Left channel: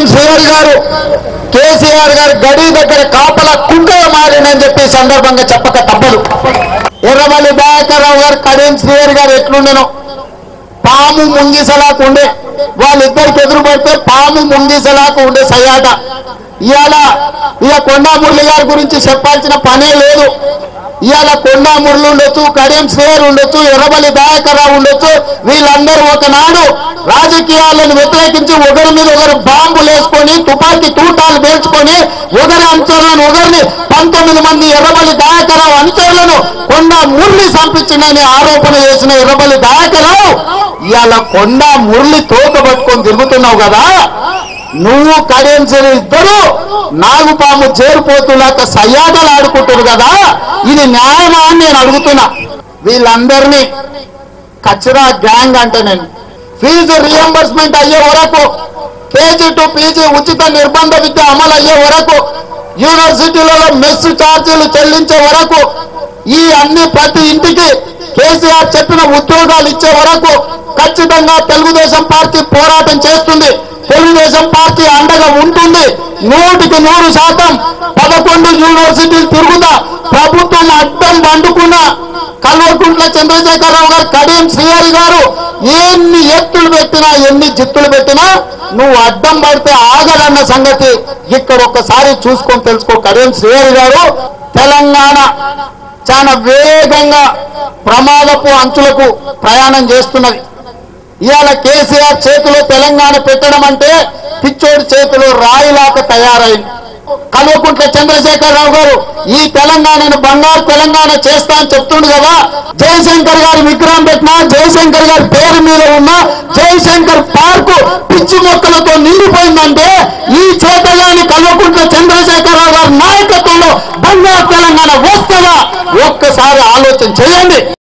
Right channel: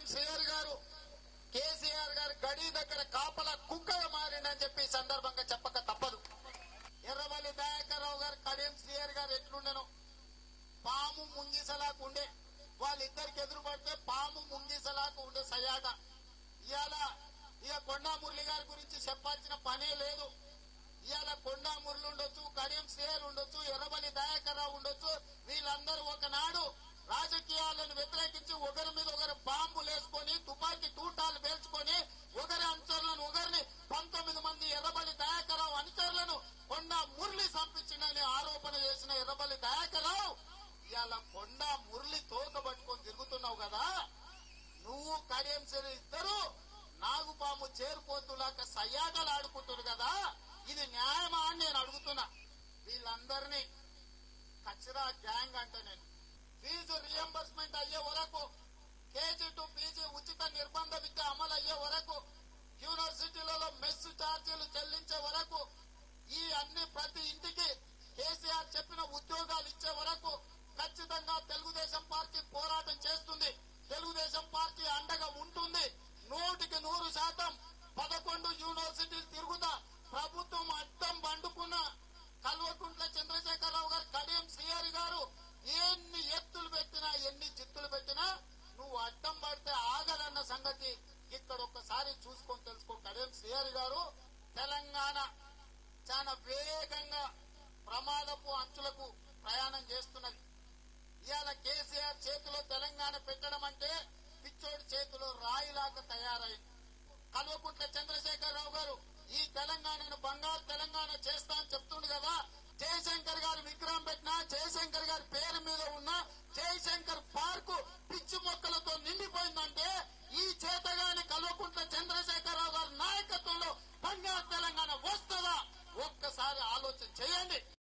కడియం శ్రీహరి గారు కేసీఆర్ గారు గడి దగ్గర కాపల కుంకగా మారిందని చెప్పి సందర్భంగా చెప్పక తప్పదు. ఎర్రమల్లి దయాకర్ రావు గారు కడియం శ్రీహరి గారు ఎట్లుండెనో పాము ముంగిసలాకు ఉండే, వాళ్ళిద్దరికి ఎదురు పడితే పాము ముంగిసలాకు ఉండే సయ్యాట. ఇక కొండా మురళి గారి గురించి చెప్పాల్సిన పనే లేదు. ఇవాళ కొండా మురళి ఉండొచ్చు, కడియం శ్రీహరి ఉండొచ్చు, ఎర్రమల్లి దయాకర్ రావు ఉండొచ్చు, వీళ్ళందరూ ఒకనాడు రాజకీయాలను వ్యతిరేకించి ఒకరి మీద ఒకరు బాంబులు వేసుకొని తుపాకీ తూటాలు పేల్చుకొని ఒకరి అనుచరులను ఒకరిని 19 మంది ఎర్రమల్లి దయాకర్ రావు అనుచరులను కొండా మురళి చంపించిందని ఆరోపణ చేసిన ఎర్రమల్లి దయాకర్ రావు ఇవాళ కొండా మురళి తోక పట్టుకొని తిరుగుతున్నావు కదా. నువ్వు కడియం శ్రీహరి ఇద్దరు నాగుపాము చేరిపోతులాక సయ్యాటలు ఆడుకుంటారు కదా, ఇది న్యాయమా అని నేను అడుగుతున్నా. వీళ్ళందరినీ కచరా గ్యాంగ్ అంటే నేను ఫీజు రియంబర్స్మెంట్ అయ్యే వరకు, కేజీ టు పీజీ ఉచిత నిర్బంధ విద్య అమలు అయ్యే వరకు, యూనివర్సిటీలలో మెస్ ఛార్జీలు చెల్లించే వరకు, ఈ అన్ని ప్రతి ఇంటికి కేసీఆర్ చెప్పిన ఉద్యోగాలు ఇచ్చే వరకు ఖచ్చితంగా తెలుగుదేశం పార్టీ పోరాటం చేస్తుంది. తెలుగుదేశం పార్టీ అండగా ఉంటుంది. 100% 11 యూనివర్సిటీలు తిరుగుతా ప్రభుత్వం అడ్డం వండుకున్న కల్వకుంట్ల చంద్రశేఖరరావు గారు, కడియం శ్రీహరి గారు ఎన్ని ఎత్తులు పెట్టినా ఎన్ని జిత్తులు పెట్టినా నువ్వు అడ్డం పడితే ఆగదన్న సంగతి ఇక్కడ ఒక్కసారి చూసుకొని తెలుసుకో. కడియం శ్రీహరి గారు తెలంగాణ చాలా వేగంగా ప్రమాదపు అంచులకు ప్రయాణం చేస్తున్నది. ఇవాళ కేసీఆర్ చేతిలో తెలంగాణ పెట్టడం అంటే పిచ్చోడి చేతిలో రాయిలాక తయారైంది. కల్వకుంట్ల చంద్రశేఖరరావు గారు ఈ తెలంగాణను బంగారు తెలంగాణ చేస్తా అని చెప్తుండు కదా. జయశంకర్ గారి విగ్రహం పెట్టినా, జయశంకర్ గారి పేరు మీద ఉన్న జయశంకర్ పార్కు పిచ్చి మొక్కలతో నిండిపోయిందంటే ఈ చేతగాని కల్వకుంట్ల చంద్రశేఖరరావు గారి నాయకత్వంలో బంగారు తెలంగాణ వస్తుందా? ఒక్కసారి ఆలోచన చేయండి.